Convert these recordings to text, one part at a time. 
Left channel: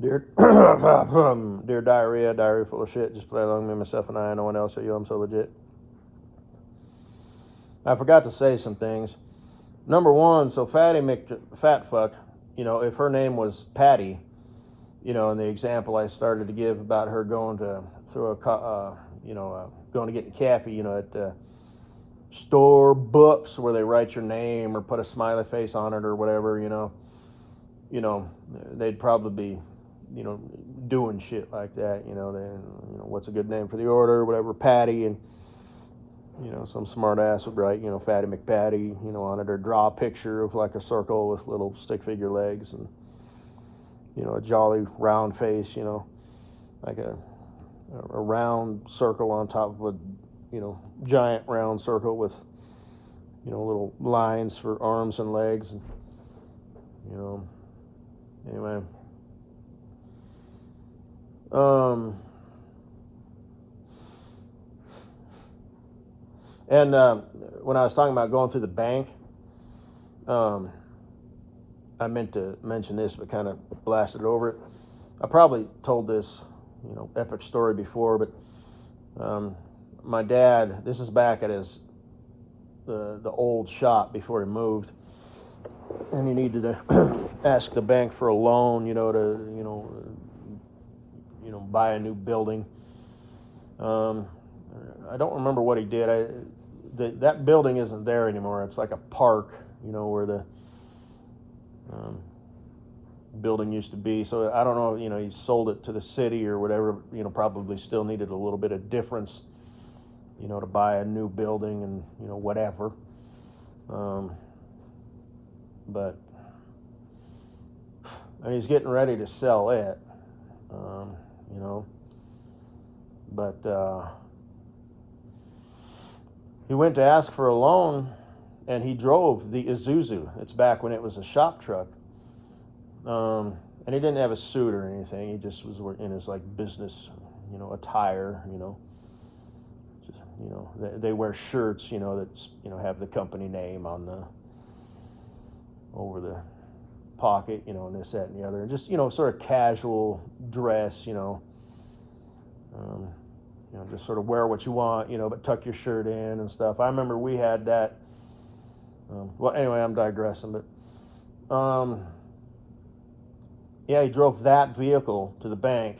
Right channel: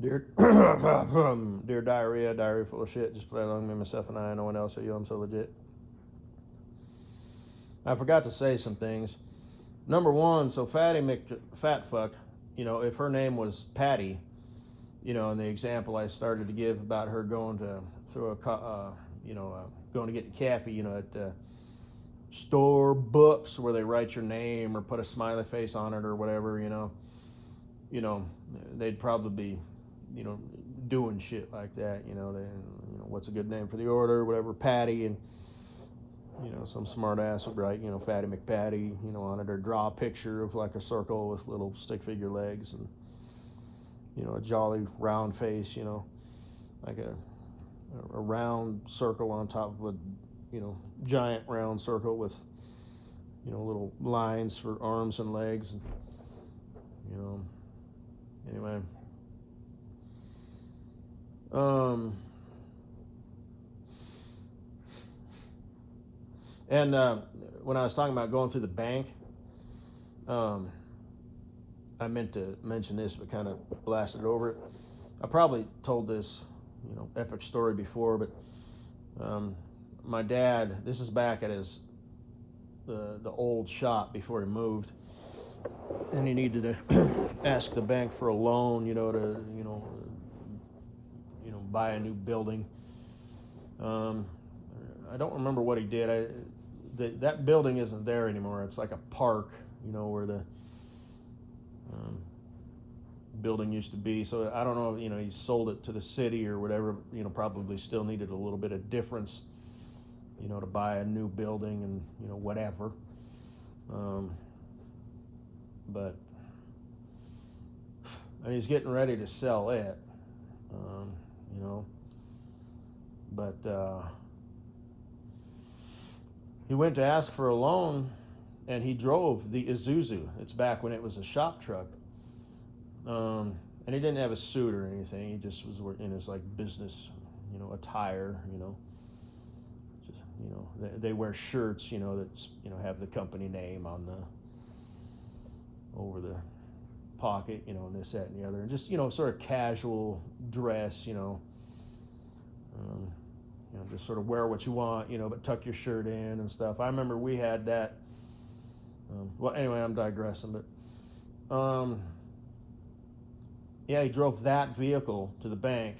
Dear, dear diarrhea full of shit. Just play along with me, myself, and I. No one else at you. I'm so legit. I forgot to say some things. Number one, so Fatty McFatfuck, if her name was Patty, in the example I started to give about her going to through going to get the coffee, at Starbucks where they write your name or put a smiley face on it or whatever, they'd probably be, doing shit like that, what's a good name for the order, whatever, Patty, and some smart ass would write, Fatty McPatty, on it, or draw a picture of like a circle with little stick figure legs and, a jolly round face, like a round circle on top of a, giant round circle with, little lines for arms and legs. And, anyway. And when I was talking about going through the bank, I meant to mention this, but kind of blasted over it. I probably told this, epic story before, but my dad, this is back at the old shop before he moved, and he needed to ask the bank for a loan, to buy a new building. I don't remember what he did. That building isn't there anymore. It's like a park, where the building used to be. So I don't know, he sold it to the city or whatever, probably still needed a little bit of difference, to buy a new building and, whatever. But, and he's getting ready to sell it, but he went to ask for a loan, and he drove the Isuzu. It's back when it was a shop truck. And he didn't have a suit or anything. He just was in his like business, attire. They wear shirts, that have the company name on the over the pocket, and this, that, and the other, and just sort of casual dress, just sort of wear what you want, but tuck your shirt in and stuff. I remember we had that. Well, anyway, I'm digressing, but yeah, he drove that vehicle to the bank,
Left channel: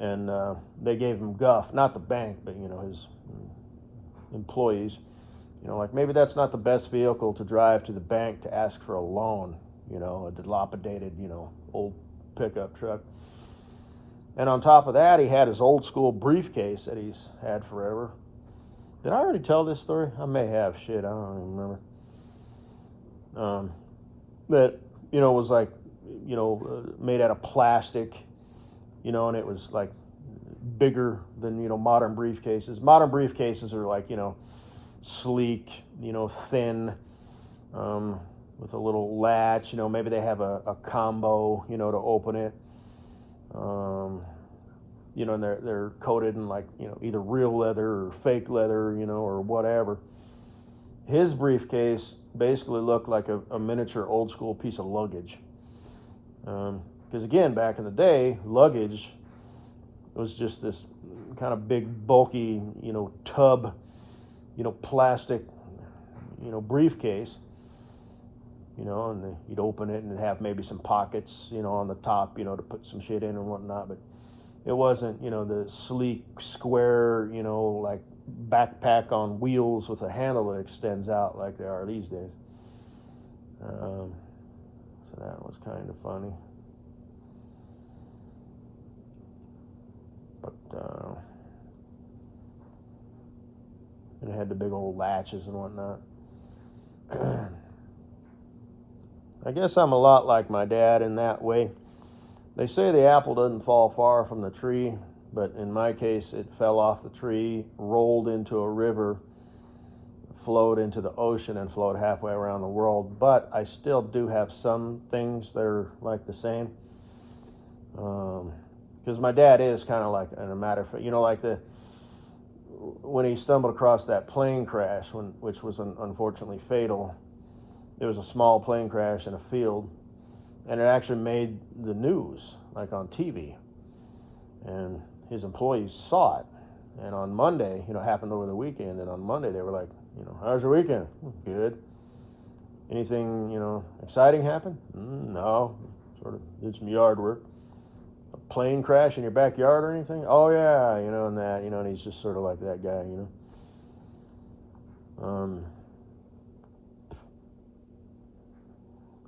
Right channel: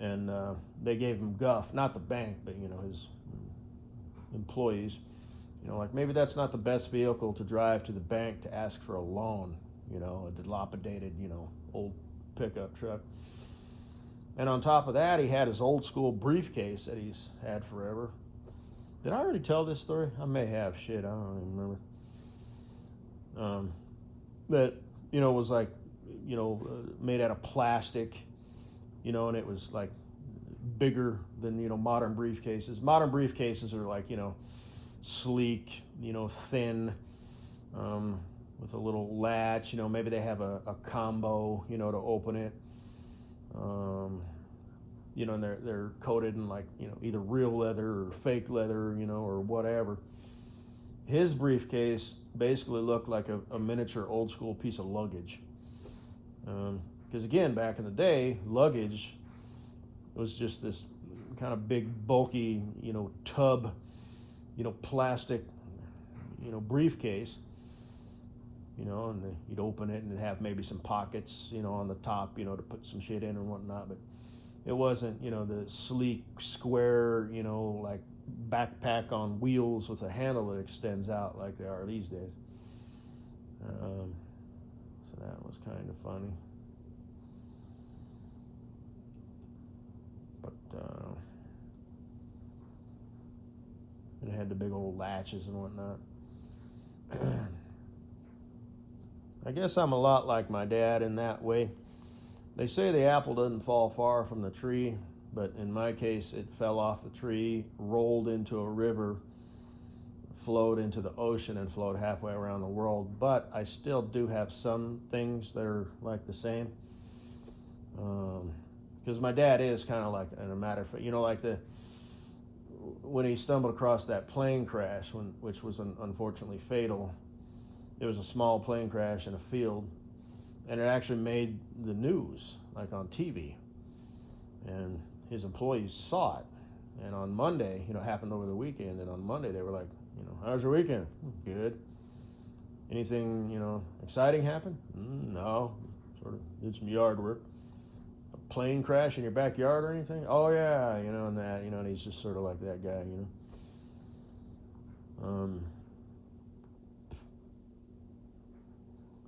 and they gave him guff. Not the bank, but his employees. Like maybe that's not the best vehicle to drive to the bank to ask for a loan. A dilapidated, old pickup truck. And on top of that, he had his old school briefcase that he's had forever. Did I already tell this story? I may have. Shit, I don't even remember. That, was like, made out of plastic, and it was like bigger than, modern briefcases. Modern briefcases are like, sleek, thin, with a little latch, maybe they have a combo, to open it. And they're coated in like, either real leather or fake leather, or whatever. His briefcase basically looked like a miniature old school piece of luggage. Because again, back in the day, luggage was just this kind of big, bulky, tub, plastic, briefcase. And you'd open it and it'd have maybe some pockets, on the top, to put some shit in and whatnot. But it wasn't, the sleek, square, like backpack on wheels with a handle that extends out like they are these days. So that was kind of funny. But and it had the big old latches and whatnot. I guess I'm a lot like my dad in that way. They say the apple doesn't fall far from the tree, but in my case, it fell off the tree, rolled into a river, flowed into the ocean, and flowed halfway around the world. But I still do have some things that are like the same. Because my dad is kind of like, in a matter of fact, like when he stumbled across that plane crash, which was unfortunately fatal. It was a small plane crash in a field, and it actually made the news, like on TV. And his employees saw it. And on Monday, it happened over the weekend, and on Monday they were like, how's your weekend? Good. Anything, exciting happen? No. Sort of did some yard work. A plane crash in your backyard or anything? Oh, yeah, and that, and he's just sort of like that guy,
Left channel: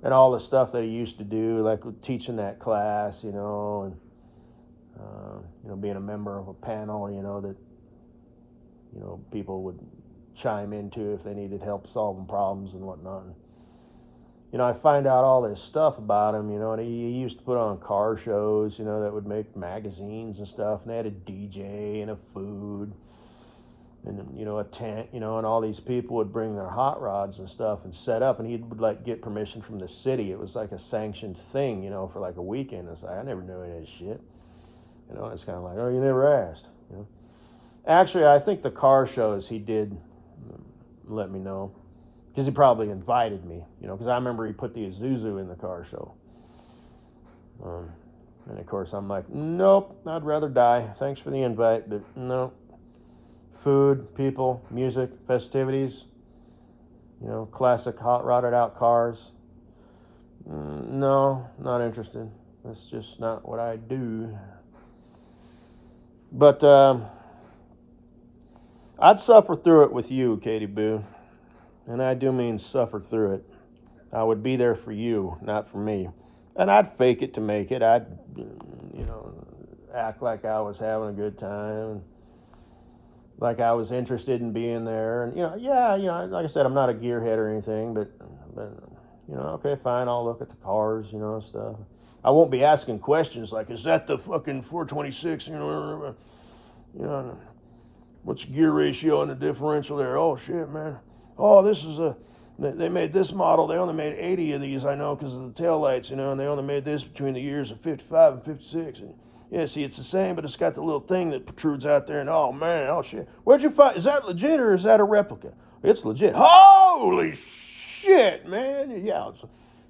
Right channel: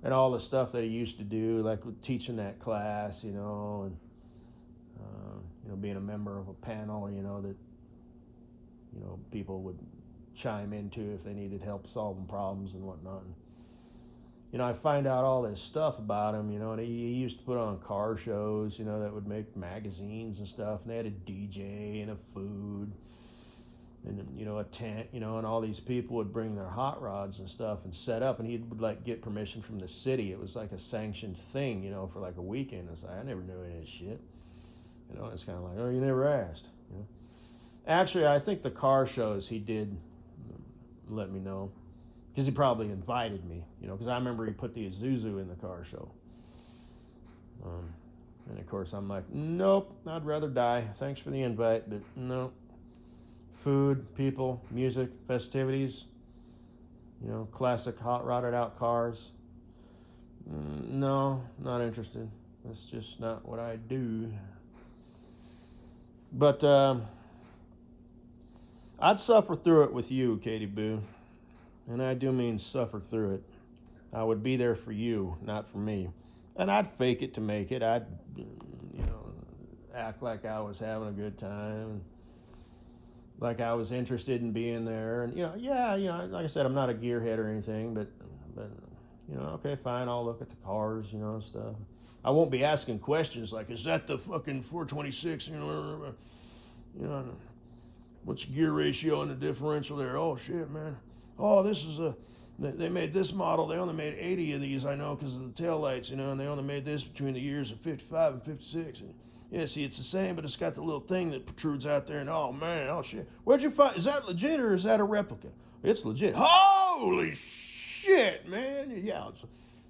And all the stuff that he used to do, like teaching that class, and, being a member of a panel, that, people would chime into if they needed help solving problems and whatnot. And, I find out all this stuff about him, and he used to put on car shows, that would make magazines and stuff, and they had a DJ and a food and, a tent, and all these people would bring their hot rods and stuff and set up, and he would like get permission from the city. It was like a sanctioned thing, for like a weekend. It's like, I never knew any of this shit. It's kind of like, oh, you never asked, Actually, I think the car shows he did let me know, because he probably invited me, because I remember he put the Isuzu in the car show. And of course I'm like, nope, I'd rather die. Thanks for the invite, but no. Food, people, music, festivities, classic hot rodded out cars. No, not interested. That's just not what I do. But I'd suffer through it with you, Katie Boo. And I do mean suffer through it. I would be there for you, not for me. And I'd fake it to make it. I'd, act like I was having a good time, like I was interested in being there. And, like I said, I'm not a gearhead or anything, but okay, fine, I'll look at the cars, stuff. I won't be asking questions like, is that the fucking 426, what's the gear ratio and the differential there? Oh, shit, man. Oh, this is they made this model. They only made 80 of these, I know, because of the taillights, and they only made this between the years of 55 and 56. And yeah, see, it's the same, but it's got the little thing that protrudes out there, and oh, man, oh, shit. Where'd you find, is that legit or is that a replica? It's legit. Holy shit, man. Yeah,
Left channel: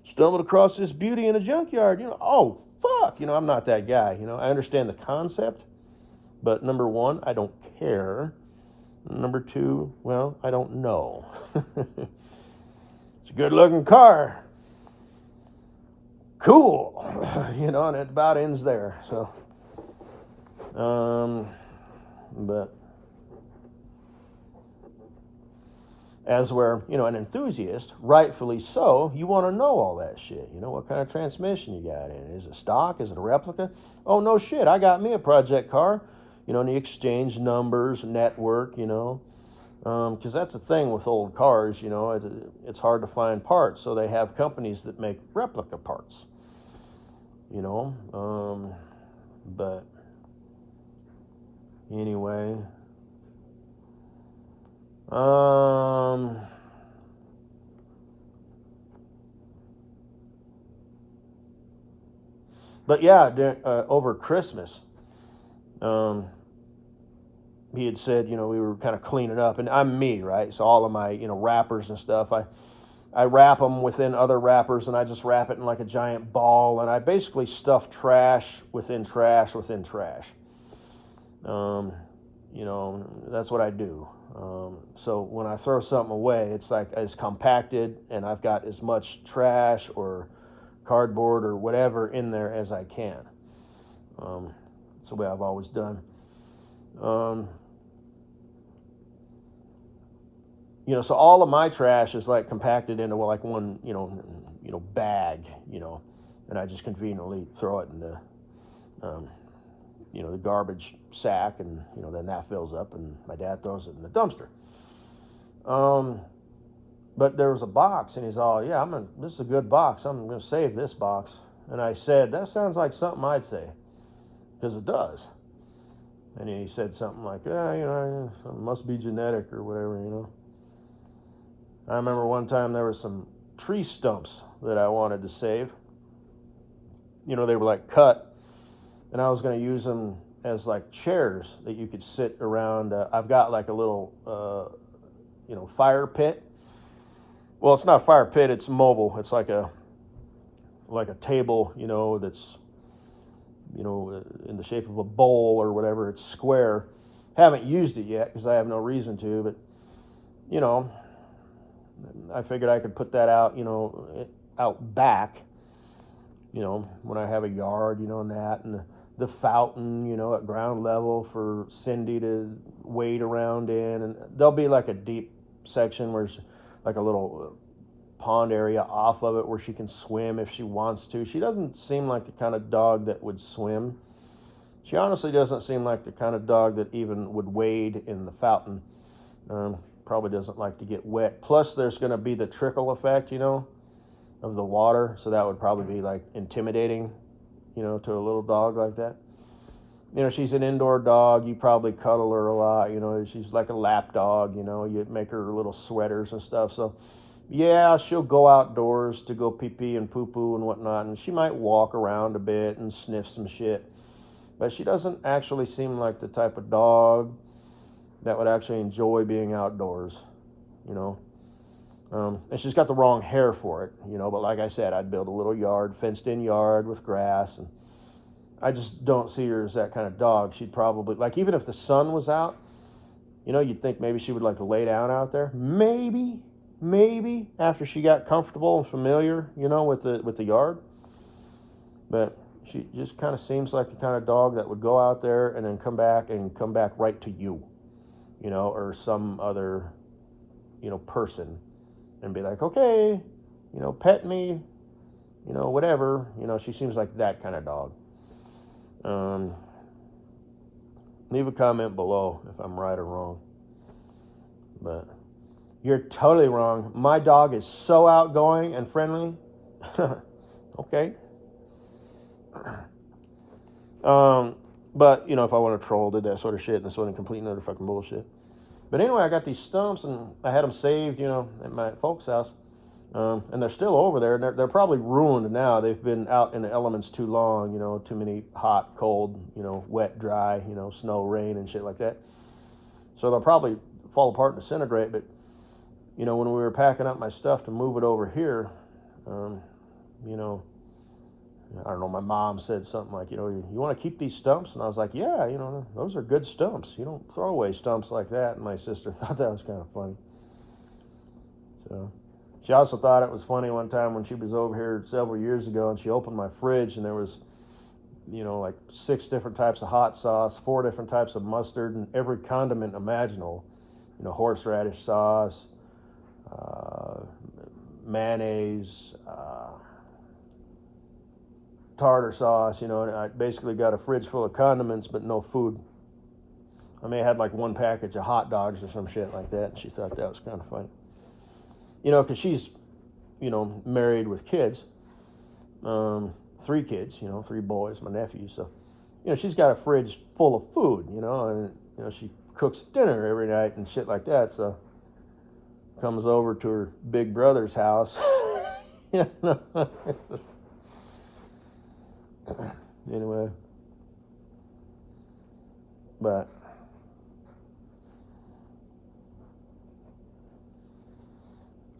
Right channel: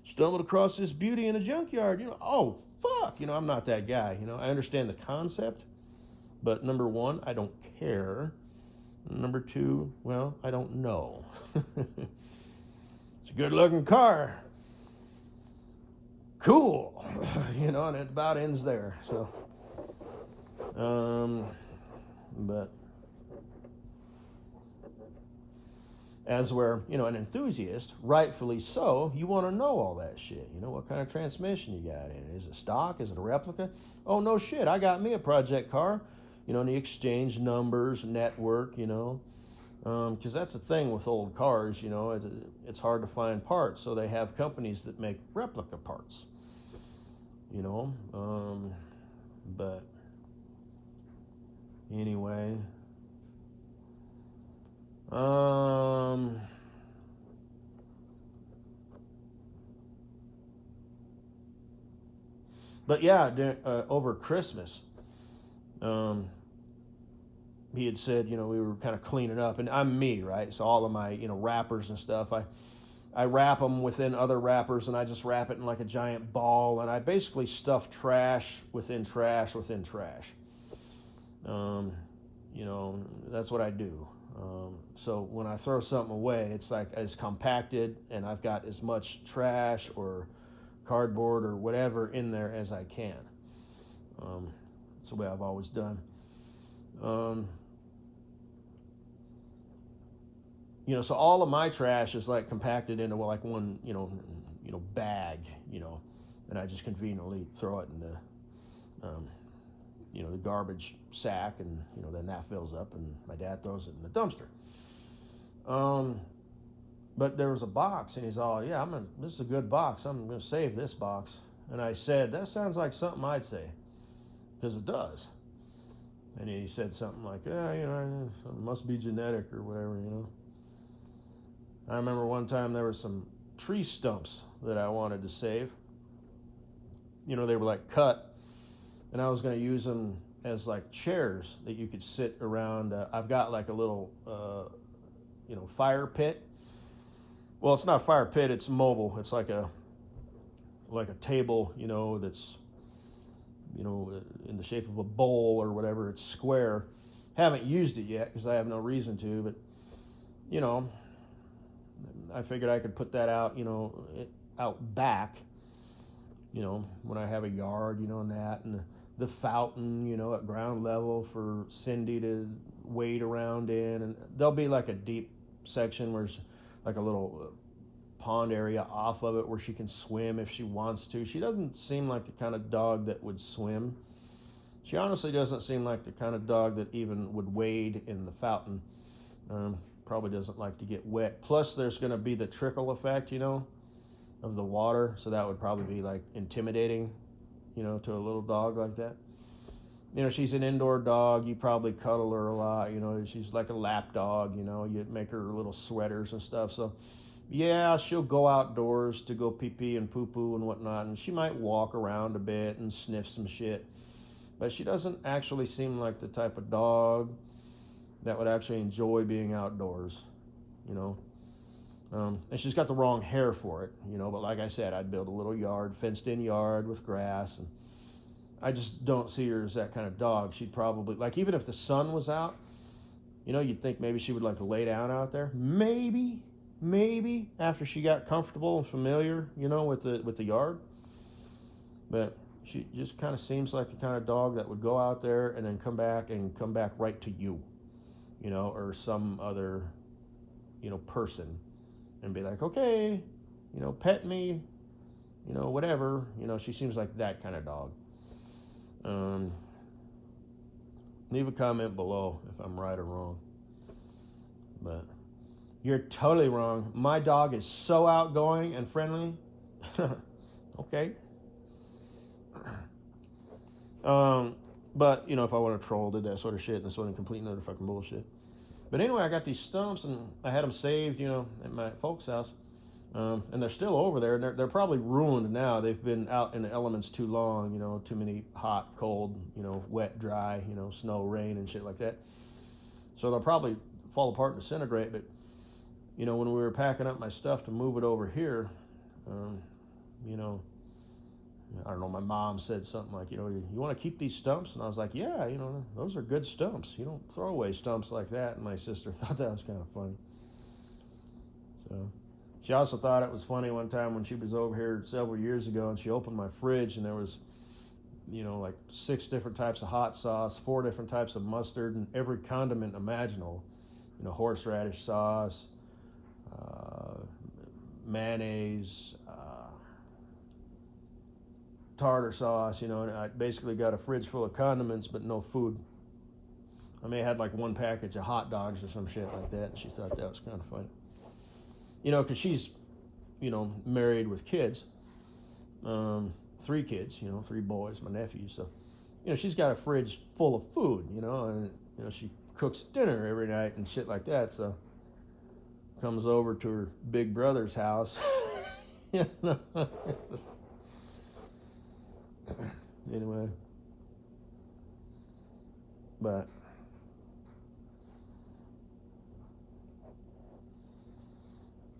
stumbled across this beauty in a junkyard, oh, fuck. I'm not that guy, I understand the concept, but number one, I don't care. Number two, well, I don't know. It's a good-looking car. Cool. And it about ends there. So, but as we're, an enthusiast, rightfully so, you want to know all that shit. What kind of transmission you got in it? Is it stock? Is it a replica? Oh, no shit, I got me a project car. And the exchange numbers, network, because that's the thing with old cars, it's hard to find parts, so they have companies that make replica parts, but anyway, but yeah, over Christmas, he had said, we were kind of cleaning up, and I'm me, right? So all of my, wrappers and stuff, I wrap them within other wrappers, and I just wrap it in like a giant ball, and I basically stuff trash within trash within trash. That's what I do. So when I throw something away, it's like it's compacted, and I've got as much trash or cardboard or whatever in there as I can. That's the way I've always done. So all of my trash is like compacted into like one, bag, and I just conveniently throw it in the garbage sack, and, then that fills up, and my dad throws it in the dumpster. But there was a box, and he's all, yeah, this is a good box. I'm going to save this box. And I said, that sounds like something I'd say, because it does. And he said something like, it must be genetic or whatever, I remember one time there were some tree stumps that I wanted to save. They were like cut, and I was going to use them as like chairs that you could sit around. I've got like a little, fire pit. Well, it's not a fire pit, it's mobile. It's like a like a table, you know, that's, you know, in the shape of a bowl or whatever. It's square. Haven't used it yet because I have no reason to, but, you know, I figured I could put that out, you know, out back, you know, when I have a yard, you know, and that, and the fountain, you know, at ground level for Cindy to wade around in. And there'll be like a deep section where it's like a little pond area off of it where she can swim if she wants to. She doesn't seem like the kind of dog that would swim. She honestly doesn't seem like the kind of dog that even would wade in the fountain. Probably doesn't like to get wet. Plus, there's going to be the trickle effect, you know, of the water. So that would probably be like intimidating, you know, to a little dog like that. You know, she's an indoor dog. You probably cuddle her a lot. You know, she's like a lap dog. You know, you make her little sweaters and stuff. So, yeah, she'll go outdoors to go pee-pee and poo-poo and whatnot. And she might walk around a bit and sniff some shit. But she doesn't actually seem like the type of dog that would actually enjoy being outdoors, you know. And she's got the wrong hair for it, you know. But like I said, I'd build a little yard, fenced-in yard with grass. And I just don't see her as that kind of dog. She'd probably, like, even if the sun was out, you know, you'd think maybe she would like to lay down out there. Maybe after she got comfortable and familiar, you know, with the yard. But she just kind of seems like the kind of dog that would go out there and then come back right to you, you know, or some other, you know, person, and be like, okay, you know, pet me, you know, whatever. You know, she seems like that kind of dog. Leave a comment below if I'm right or wrong. But you're totally wrong. My dog is so outgoing and friendly. Okay. But, you know, if I want to troll, did that sort of shit, and this wasn't complete another fucking bullshit. But anyway, I got these stumps, and I had them saved, you know, at my folks' house. And they're still over there, and they're probably ruined now. They've been out in the elements too long, you know, too many hot, cold, you know, wet, dry, you know, snow, rain, and shit like that. So they'll probably fall apart and disintegrate. But, you know, when we were packing up my stuff to move it over here, you know, I don't know, my mom said something like, you know, you want to keep these stumps? And I was like, yeah, you know, those are good stumps. You don't throw away stumps like that. And my sister thought that was kind of funny. So she also thought it was funny one time when she was over here several years ago, and she opened my fridge, and there was, you know, like 6 different types of hot sauce, 4 different types of mustard, and every condiment imaginable. You know, horseradish sauce, mayonnaise, tartar sauce, you know, and I basically got a fridge full of condiments but no food. I may have had like 1 package of hot dogs or some shit like that, and she thought that was kind of funny. You know, because she's, you know, married with kids, 3 kids, you know, 3 boys, my nephews. So, you know, she's got a fridge full of food, you know, and, you know, she cooks dinner every night and shit like that. So, comes over to her big brother's house. Anyway, but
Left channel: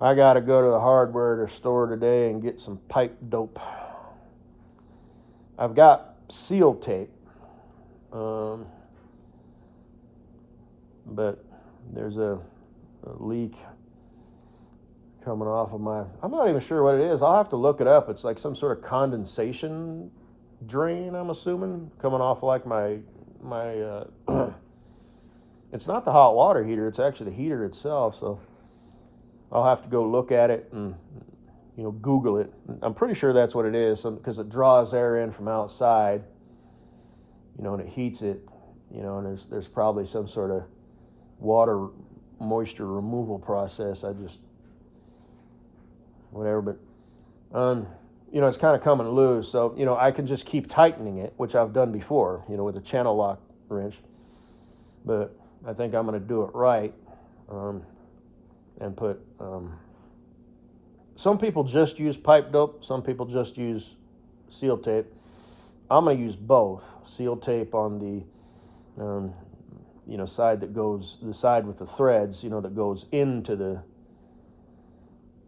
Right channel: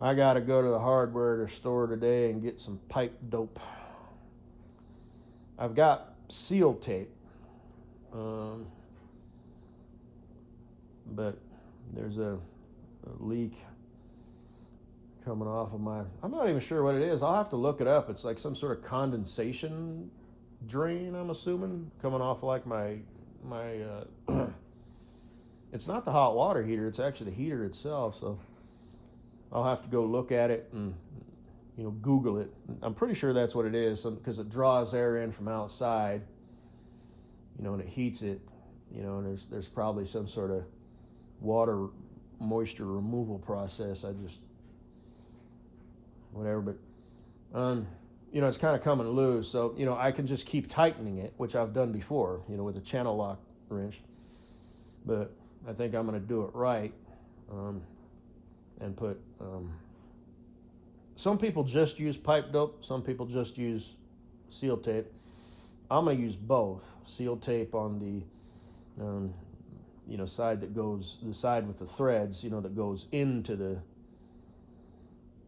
I gotta go to the hardware store today and get some pipe dope. I've got seal tape, but there's a leak coming off of my, I'm not even sure what it is. I'll have to look it up. It's like some sort of condensation drain, I'm assuming, coming off like my it's not the hot water heater, it's actually the heater itself. So I'll have to go look at it and, you know, Google it. I'm pretty sure that's what it is, because it draws air in from outside, you know, and it heats it, you know, and there's probably some sort of water moisture removal process. I just, whatever, but you know, it's kind of coming loose, so, you know, I can just keep tightening it, which I've done before, you know, with a channel lock wrench. But I think I'm going to do it right, and put, some people just use pipe dope, some people just use seal tape. I'm going to use both. Seal tape on the, you know, side that goes, the side with the threads, you know, that goes into the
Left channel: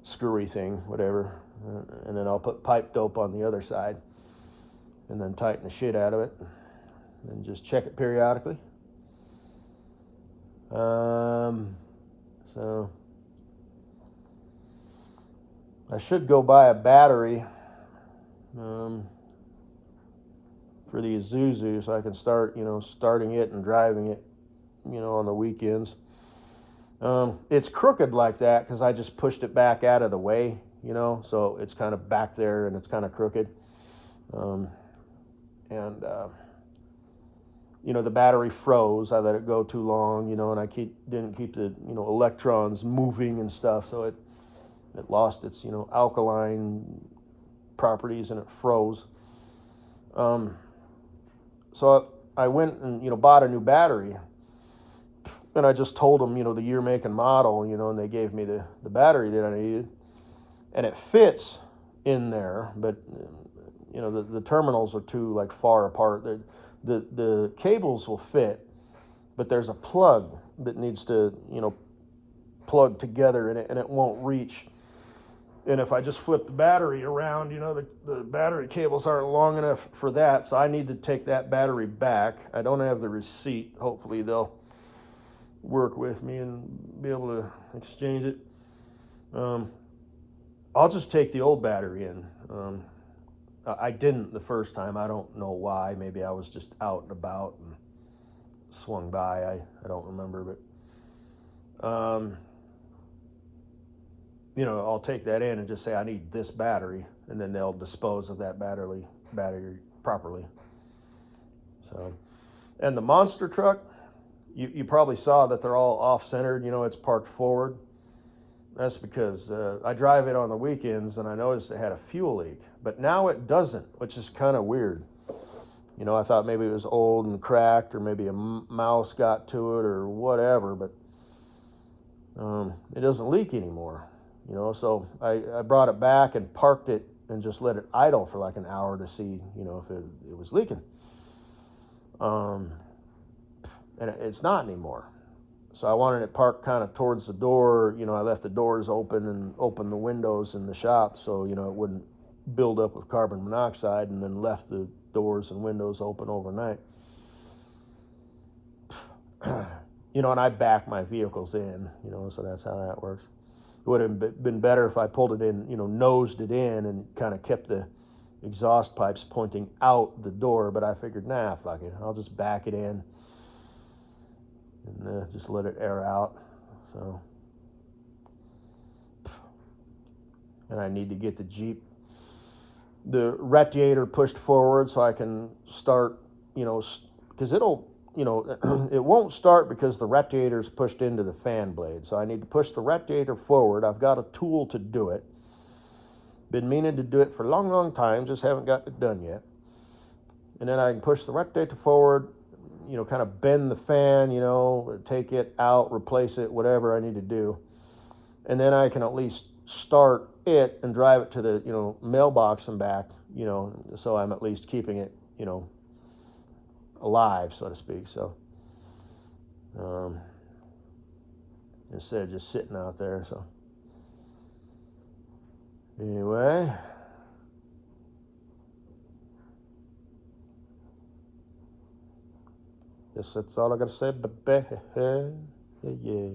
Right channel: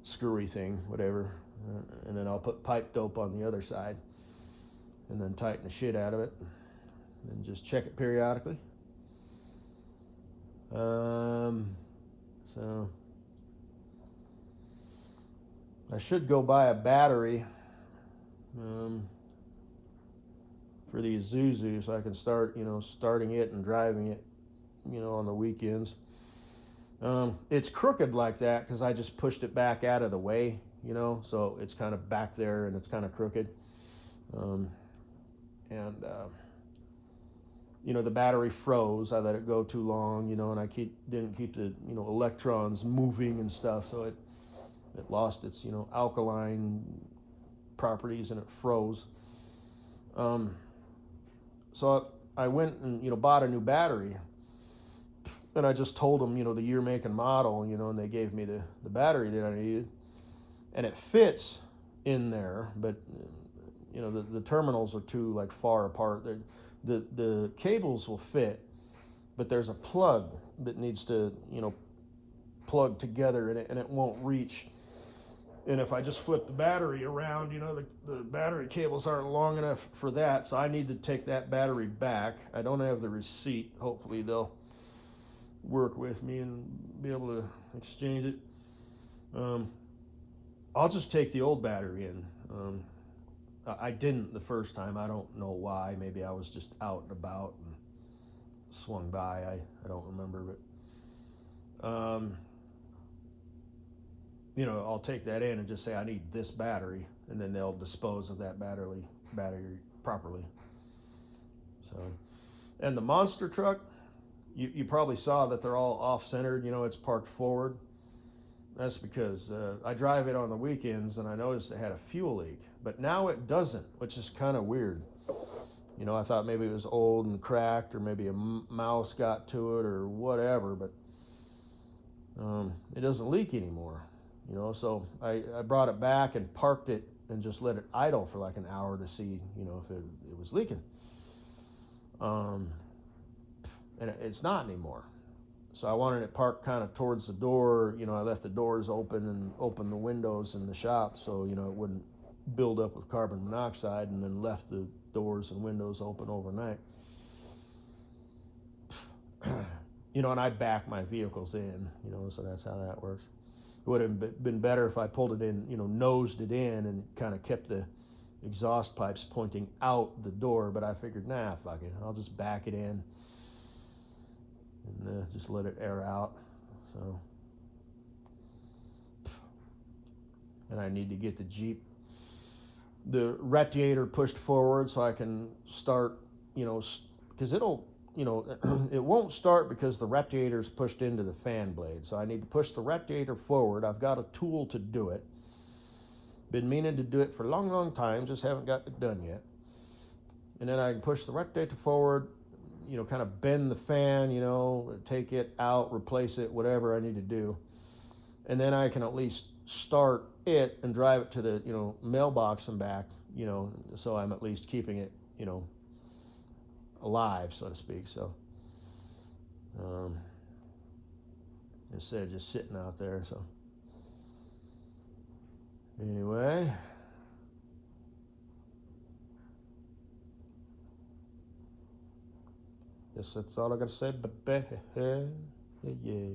screwy thing, whatever. and then I'll put pipe dope on the other side, and then tighten the shit out of it, and just check it periodically. So I should go buy a battery for the Isuzu, so I can start, starting it and driving it, on the weekends. It's crooked like that because I just pushed it back out of the way, so it's kind of back there and it's kind of crooked. The battery froze. I let it go too long, and I didn't keep the, electrons moving and stuff, so it lost its, alkaline properties and it froze. So I went and, bought a new battery, and I just told them, the year, make, and model, and they gave me the battery that I needed, and it fits in there, but the terminals are too far apart. The cables will fit, but there's a plug that needs to, plug together, and it won't reach. And if I just flip the battery around, the battery cables aren't long enough for that, so I need to take that battery back. I don't have the receipt. Hopefully they'll work with me and be able to exchange it. I'll just take the old battery in. I didn't the first time. I don't know why. Maybe I was just out and about and swung by. I don't remember, but I'll take that in and just say I need this battery, and then they'll dispose of that battery properly. So, and the monster truck, you probably saw that they're all off-centered. It's parked forward. That's because I drive it on the weekends, and I noticed it had a fuel leak, but now it doesn't, which is kind of weird. I thought maybe it was old and cracked, or maybe a mouse got to it or whatever, but it doesn't leak anymore. So I brought it back and parked it and just let it idle for an hour to see, if it was leaking. And it's not anymore. So I wanted it parked kind of towards the door. I left the doors open and opened the windows in the shop so, it wouldn't build up with carbon monoxide, and then left the doors and windows open overnight. And I back my vehicles in, so that's how that works. It would have been better if I pulled it in, nosed it in and kind of kept the exhaust pipes pointing out the door, but I figured, nah, fuck it. I'll just back it in and just let it air out. So, and I need to get the Jeep, the radiator pushed forward so I can start, because it'll, it won't start because the radiator's pushed into the fan blade. So I need to push the radiator forward. I've got a tool to do it. Been meaning to do it for a long, long time, just haven't got it done yet. And then I can push the radiator forward, kind of bend the fan, take it out, replace it, whatever I need to do. And then I can at least start it and drive it to the, mailbox and back, so I'm at least keeping it, alive, so to speak. So instead of just sitting out there. So anyway, guess that's all I gotta say, baby. Yeah.